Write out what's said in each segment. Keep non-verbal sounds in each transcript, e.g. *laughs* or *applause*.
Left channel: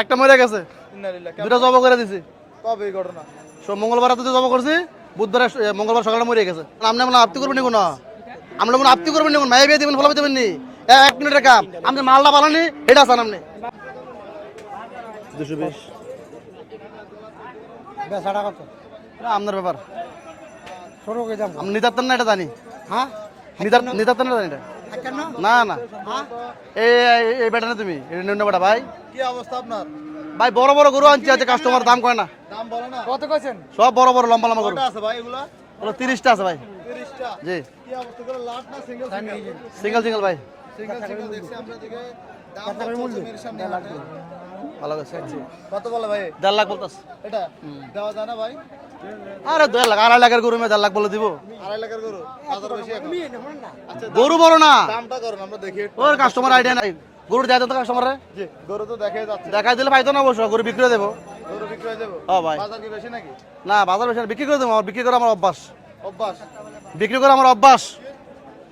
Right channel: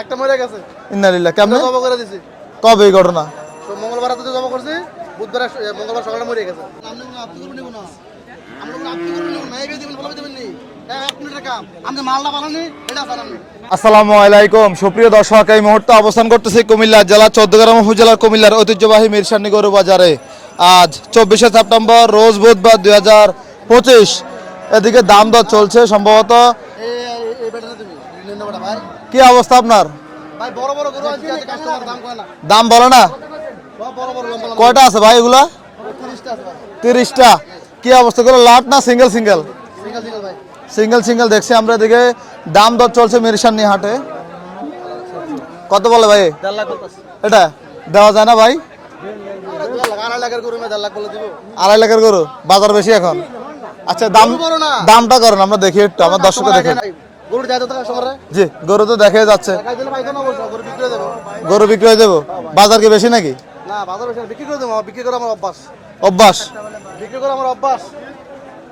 একটা মরে গেছে। ইন্নালিল্লাহ কেমন? জব করে দিছি। কবে এই ঘটনা? সো মঙ্গলবার রাতে জব করছি বুধবার মঙ্গলবার সকালে মরে গেছে। আপনি করবেন নিগুন আমরা মনে করবেন মাই বিয়ে দিবেন ফলাবে দিবেন নি? এক মিনিটের কাম আপনি মালটা পালানি এটা আপনি। আসসালামু আলাইকুম। সুপ্রিয় দর্শক এই মুহূর্তে অবস্থান করতেছি কুমিল্লা জেলা চৌদ্দগ্রাম উপজেলার কুমিল্লার ঐতিহ্যবাহী মিরসানি গরু বাজারে। আজ চব্বিশে সেপ্টেম্বর রোজ বুধবার দুই হাজার পঁচিশ। এদিকে দাম দর চলছে সম্ভবত। এই না তুমি ভাই। কি অবস্থা আপনার? ভাই বড় বড় গরু আনছি আছে কাস্টমার দাম কয় না? দাম বলে না? সব বড় বড় লম্বা লম্বা কয়টা আছে ভাই এগুলা? তিরিশটা আছে ভাই। তিরিশটা। কি অবস্থা? গুলো লাট না সিঙ্গেল সিঙ্গেল? সিঙ্গেল সিঙ্গেল ভাই। সিঙ্গেল সিঙ্গেল দেখছি আমরা এদিকে। দাম দর চলছে মিরসানি হাটে কত বলে ভাই? দেড় লাখ বলতাস এটা? দেওয়া যায় না ভাই? আরে দেড় লাখ আড়াই লাখের গরু মেয়ে দেড় লাখ বলে দিব। আড়াই লাখের গরু? বাজার বেশি এখন? আচ্ছা দাম গরু বড় না। দামটা করেন আমরা দেখি একটু আমার দর্শকরা দেখুন। গরু তো কাস্টমারে জি গরু তো দেখে যাচ্ছে। টাকা দিলে পাইতো না অবশ্য গরু বিক্রি দেবো। গরু বিক্রি হয়ে। বাজার কি বেশি নাকি? না বাজার বেশি বিক্রি করে দেবো বিক্রি করে আমার অভ্যাস। অভ্যাস? বিক্রি করে আমার অভ্যাস।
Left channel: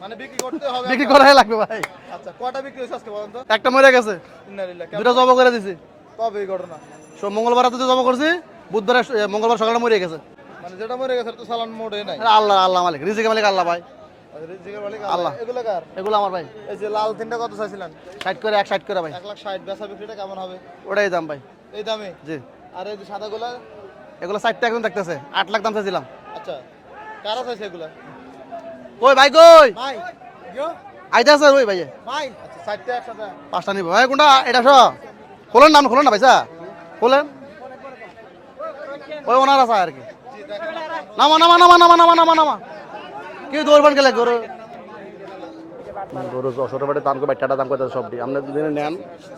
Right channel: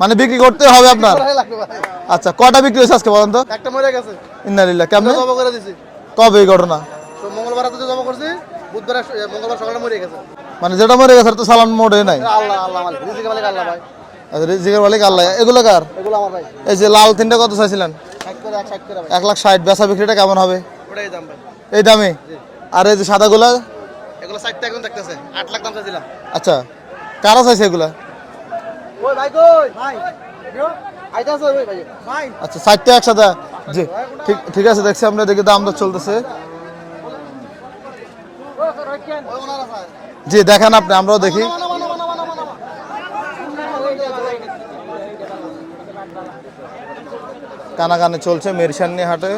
মানে বিক্রি করতে হবে আপনার? করে লাগবে ভাই। আচ্ছা কটা বিক্রি হয়েছে আজকে বলেন তো? একটা মরে গেছে। ইন্নালিল্লাহ কেমন? জব করে দিছি। কবে এই ঘটনা? তো মঙ্গলবার রাতে জব করছি বুধবার মঙ্গলবার সকালে মরে গেছে। মানে যেটা মরে গেছে তো সালাম মোড়ে নাই। আল্লাহ আল্লাহ মালিক রিজিক মালিক আল্লাহ ভাই। আচ্ছা, রিজিকের মালিক আল্লাহ এগুলো কার? এগুলো আমার ভাই। এই যে লাল তিনটা কত চাইছিলেন? ষাট করে এক ষাট করে ভাই। এক লাখ ষাট বেচা বিক্রিটা কেমন হবে? ওটাই দাম ভাই। এই দামে? জি। আর এই যে সাদাগুলা? এগুলো ষাটটা এখন দেখতেছে আট লাখ দাম চাইছিলাম। আচ্ছা কারা চাইছে এগুলা? ওই ভাই কই? ভাই আইতা স্যার ওই ভাই। আচ্ছা ষাটটা একসাথে। পাঁচটা জি, নিবো। ভাই কোনটা এটা ঠিক আছে দেখছি আমরা দেখি দাম নাম দর না চলতেছে। বলেন। ওই ওনার আছে জি দেখেন আপনি আমরাও দেখি। কানাকানি চলছে মিরসানি হাটে।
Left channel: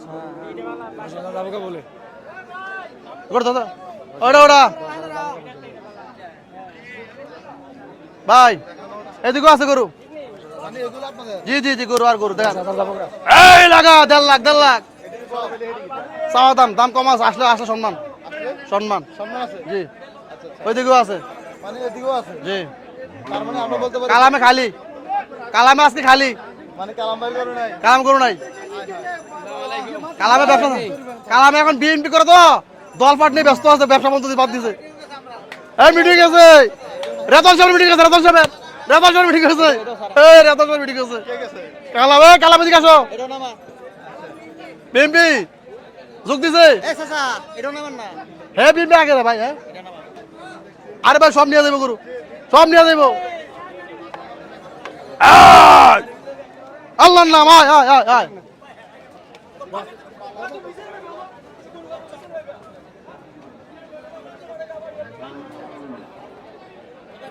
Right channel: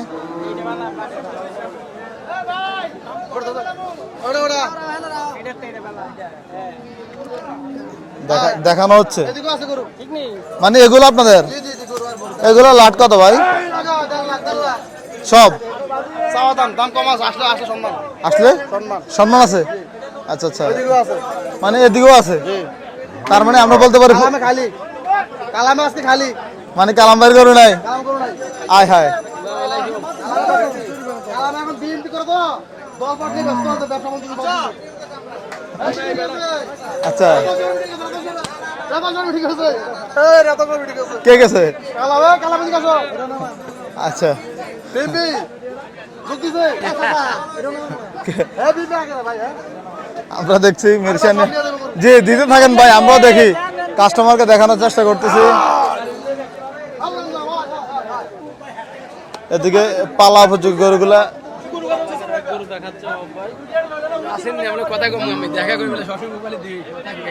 দেখানো হচ্ছে। এদিকে আছে গরু। মানে এগুলো আপনাদের? জি জি জি গরু গরু। এগুলো লাট কত ভাই? এই লাগা দেড় লাখ দেড় লাখ। সব? দাম দাম কম আছে আসলে আসলে সম্মান। আসলে? সম্মান। সম্মান আছে? আচ্ছা আচ্ছা। ওইদিকেও আছে। মানে এদিকেও আছে? হ্যাঁ। তার মানে আমরা বলতে পারি কালামে খালি। কালামে খালি। মানে কালাম বাইর করে নাই? কালাম করু নাই। আয় হায়। কালামে ব্যবসা কালামে এখন বিএনপি করে তো। দল পাট নিয়ে ব্যস্ত আছে ব্যবসা বন্ধ বাদ দিছে। এই মিটিং আছে। আচ্ছা। রেতন সাহেব মিটিং আছে রেতন সাহেব রেতন সাহেব মিটিং আছে। এই রেতন সাহেব মিটিং আছে। কে গেছে? কালামে কালামে দিকে আসো। আচ্ছা। বিএনপি যোগ দিছে। হ্যাঁ বিএনপি আগে রে ভাই হ্যাঁ আমরা দেখছি জি দিতে থাকেন ভাই আমরাও দেখি কাস্টমারকে দেখানোর চেষ্টা করতেছি আল্লাহর নাম আয় আয় আয় আয় এদিকে পালা উপযোগ গরুগুলা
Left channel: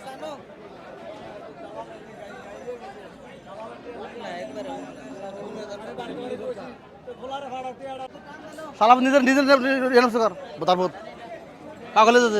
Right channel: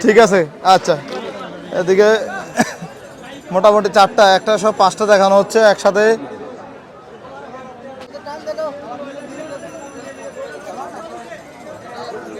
ঠিক আছে আচ্ছা এদিকে মোটামুটি চারটা একটা সব পাঁচটা দেখানো হচ্ছে একসাথে নিজের নিজের এনস কর তারপর কাগলে যেতে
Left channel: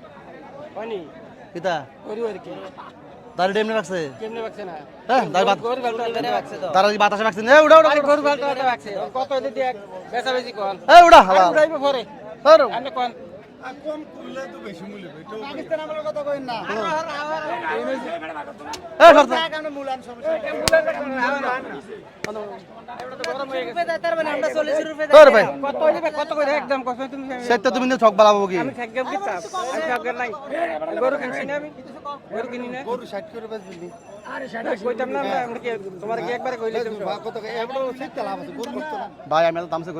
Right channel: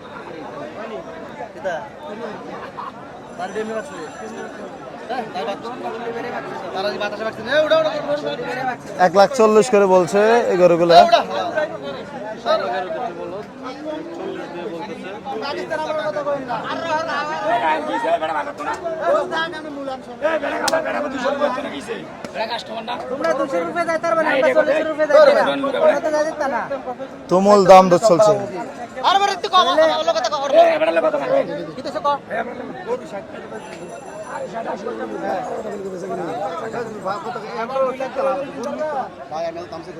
তার ডেমনে রাখছে? কি বাতাসে রাখছেন এ উড়া উড়া এক লাখ চল্লিশ করে বলছে এই তুমুল দাম তো চলছে। ভাই আমি দাম সে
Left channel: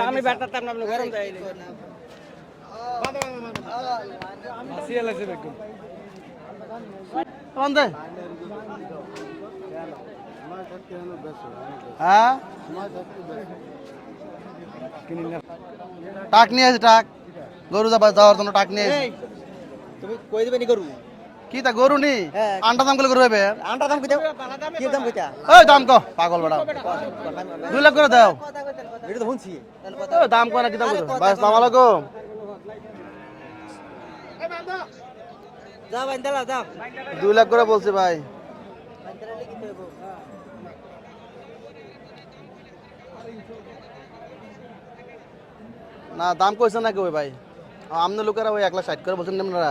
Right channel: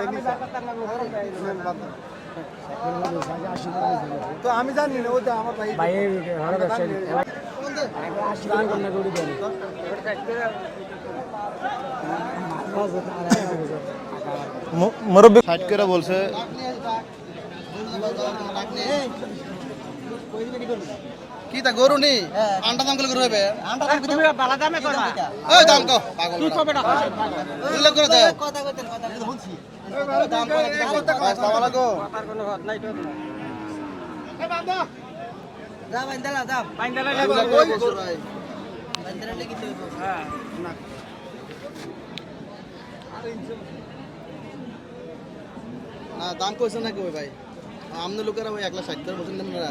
আমি আমি জানি ভাই। হ্যাঁ? মুরব্বি ষাট করে বলছে। টাক নিয়ে আছে টাক। গরু যাবার যাওয়ার জন্য টাক নিয়ে কি তা গরু নি আন্ডা দাম করে গরু হবে? আন্টা দাম কি দাম কইতা এই দাম কো। পাগল বেটা। লাখ করে দাও। এটা তো এই দাম কো না কি দাম বাইন দাও দাও দুই লাখ করে বলছি ভাই। দাও কি তো না দাম কইছে না কই ভাই। আমনে লোকেরা ওই এক লাখ ষাট করে বলছেন আপনারা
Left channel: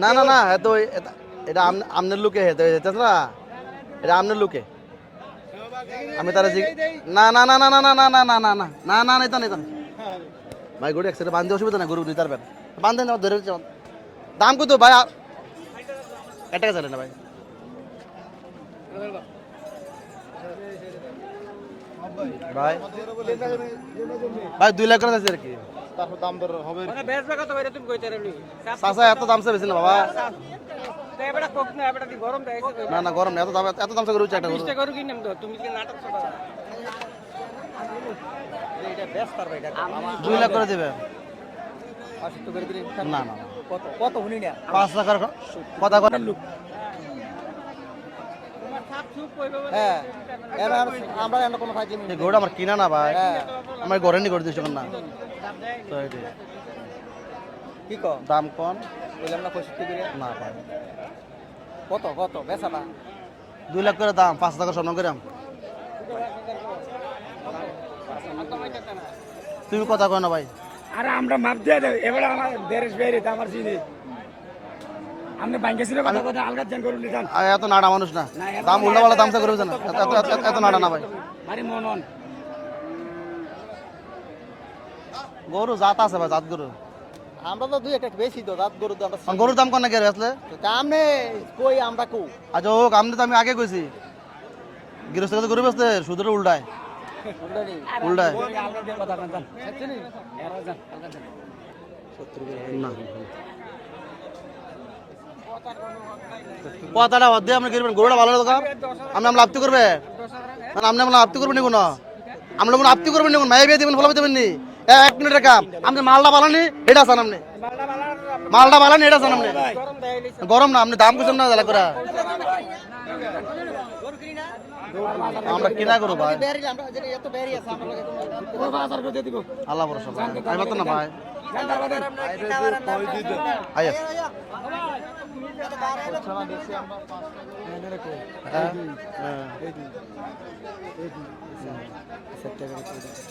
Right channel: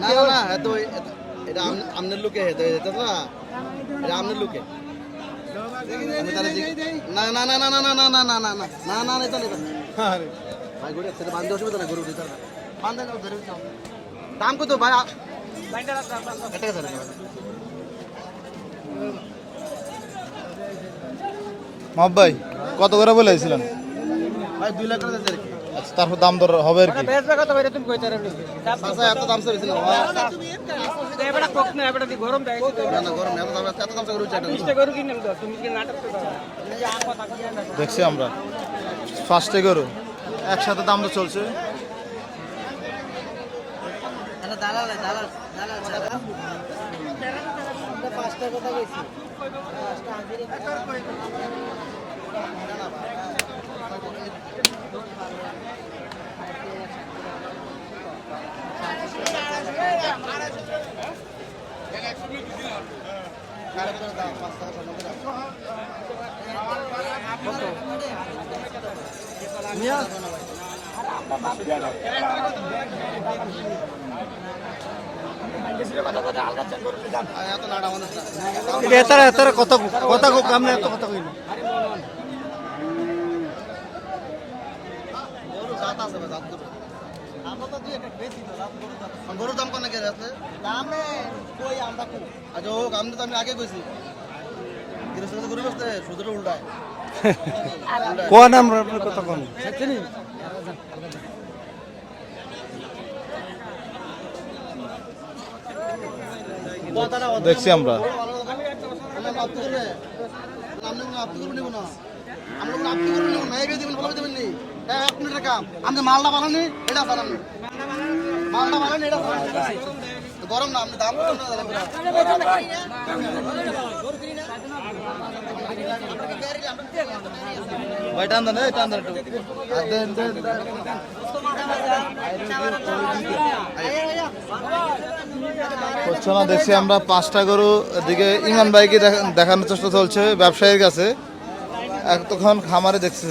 না না না এত এটা- আমনের লোকে হেতে না এটা আমনের লোকে আমি তারা না না না না না না না না না না না না না না না ভাই গরু একসাথে বাঁধতে অসুবিধা না গরু দিতে পারবেন বাঁধে না ধরে চল দাম কত ভাই কাছে না ভাই মাহবুব ভাই ভাই। কত করে বলেছিলেন ভাই দুই লাখ করে চাইছে আর কি। তারপর দাম দর হবে আর কি চাচা এত দাম চাইছে না বাবা। না না গরম এত দাম এত দাম গরু দেখছি আমরা ফার্স্টে গরু দুই লাখ করে একসাথে দাম তো চলছে। না না। পাঁচ কথা হ্যাঁ এবার আমরা এমন কোনো না। ভাই আমার ঘরে নি করে দিচ্ছ না। দাম কম কত কত দুই লাখ করে দাম পাঁচ টাকা স্বর্ণ গ্রাম তুমি কথা কয় না ভাই আরে আমরা মাপ দিয়ে দেব এবার আমার বেরে বেরে দামার চিনি আমরা ব্যাংকে ছিল কথা কথা আলগা জান করে আর এত নাড়া মানুষ না দাম এতারা কত কত এত কম নাড়া না ভাই। আরে মনন গরু জাত আছে ভাই জাত গরু আমরা তো দুই একটা বেশি তো রাত দাম গরুর দাম কন না আসলে? দামে কই আমরা কো আচ্ছা আমি তো আমি আগে কইছি। গৃহস্থ তো গরু বেসতে সুদের উল্টায়। *laughs* উল্টায়। কোন? আমরা কত কম কথাটা অধ্যে আমরা। গরুটা ভালো আমরা আপত্তি করবে? আমরা করবেন কোনো? আমরা কোনো আপত্তি করবেন না মাই বিয়ে দিবেন ফলাবে দেবেন নি? এক মিনিটের কাম আপনি মালটা বানানি এটা আসান আপনি মালটা বানানি, এটা আসান আপনি গরম না, আপনি দাম কিছু না জ্বালা করে। আমরা কিনা করব ভাই? ভাই? টান দেন না দেখছি আমরা পাঁচটা গরু দিকে ইমান ভাইকে দেখা- দেখানোর চেষ্টা চলছে, ব্যবসায়ীর কাছে। এতক্ষণ খামারে দেখছে।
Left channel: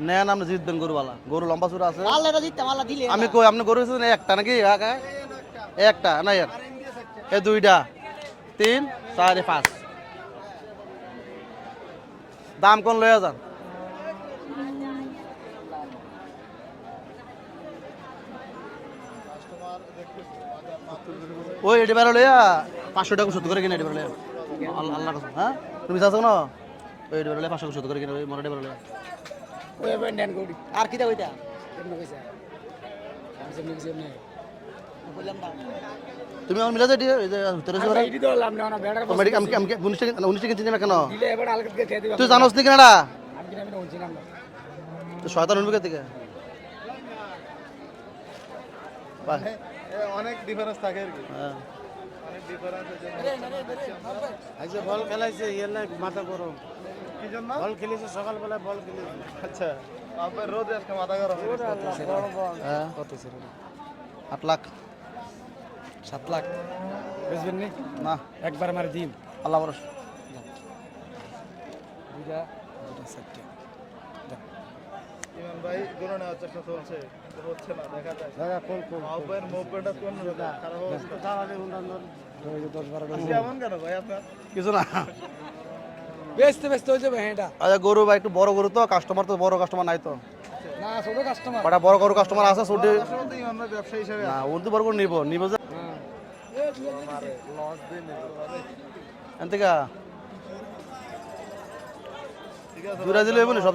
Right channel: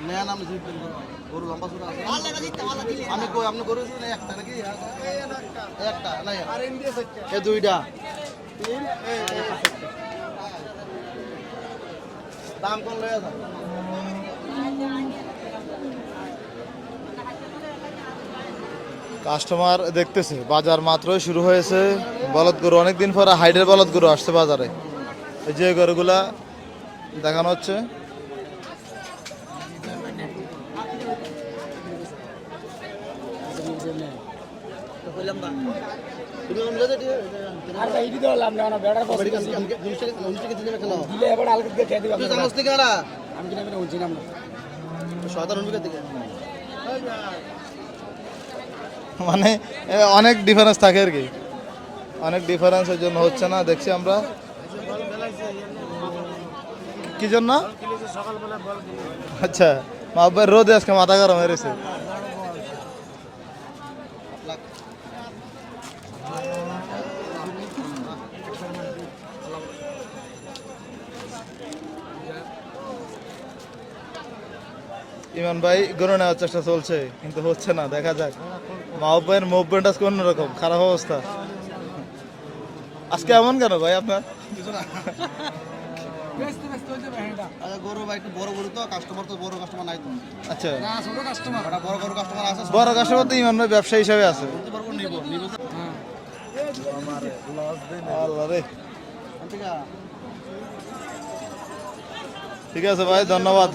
নেন আপনি জিতবেন গরুওয়ালা গরু লম্বা সুরা আছে আমি কই আপনি গরু এসেছেন একটা নাকি একটা না এক দুইটা তিন চার পাঁচ দাম কোন লয়ে যান কাস্টমার দেখতেছে বাজার মাত্রই শুরু হয়েছে বলদ গরু অনেকদিন পরে হাইডের বলদ গরু আসছে বাজারে এই যে গরুগুলা দেখানো হচ্ছে আর কি দেব এটা তুমি আমার মিলাতে দিও তোর না বেড়া টাকা টাকা না কেন? দিলে এবার আলগা দিয়ে খেয়ে দিবা। তুই জানোস নি কেনটা? আমি না। তো শয়তান মানে অনেক ডিফারেন্স থাকে আর কি। অনেক ডিফারেন্সের জন্য হচ্ছে না দেখছি আমরা। কি জন্য? আচ্ছা ভাই রোদে আজকে মাথা গরম হয়ে গেছে আট লাখ। সাত লাখ। একবার আমার দিন। আল্লাহ ভরসা। ইমান ভাই, গরু নেওয়ার চেষ্টা চলছে, কিন্তু হচ্ছে না, দেখা যাক। মাহবুব ভাইয়ের মুভমেন্ট আজকে অন্যরকম, খারাপ অবস্থা। আজকে এমন কেন ভাই আপনার? কিছু না। বেচতে বেচতে হয়ে যাবে হ্যাঁ আচ্ছা গরু ভাই একটু বড় গরু তো কাস্টমার তো বড় কাস্টমার নাই তো। আচ্ছা। না ছোট কাস্টমার কটা বড় গরু কাস্টমার আছে বড় কাস্টমার তো ইমান ভাই ব্যবসা হিসাবে আছে। উর্দু বড় গরু নিবো নিবো আল্লাহ রে। ঠিক আছে ভাই ধন্যবাদ।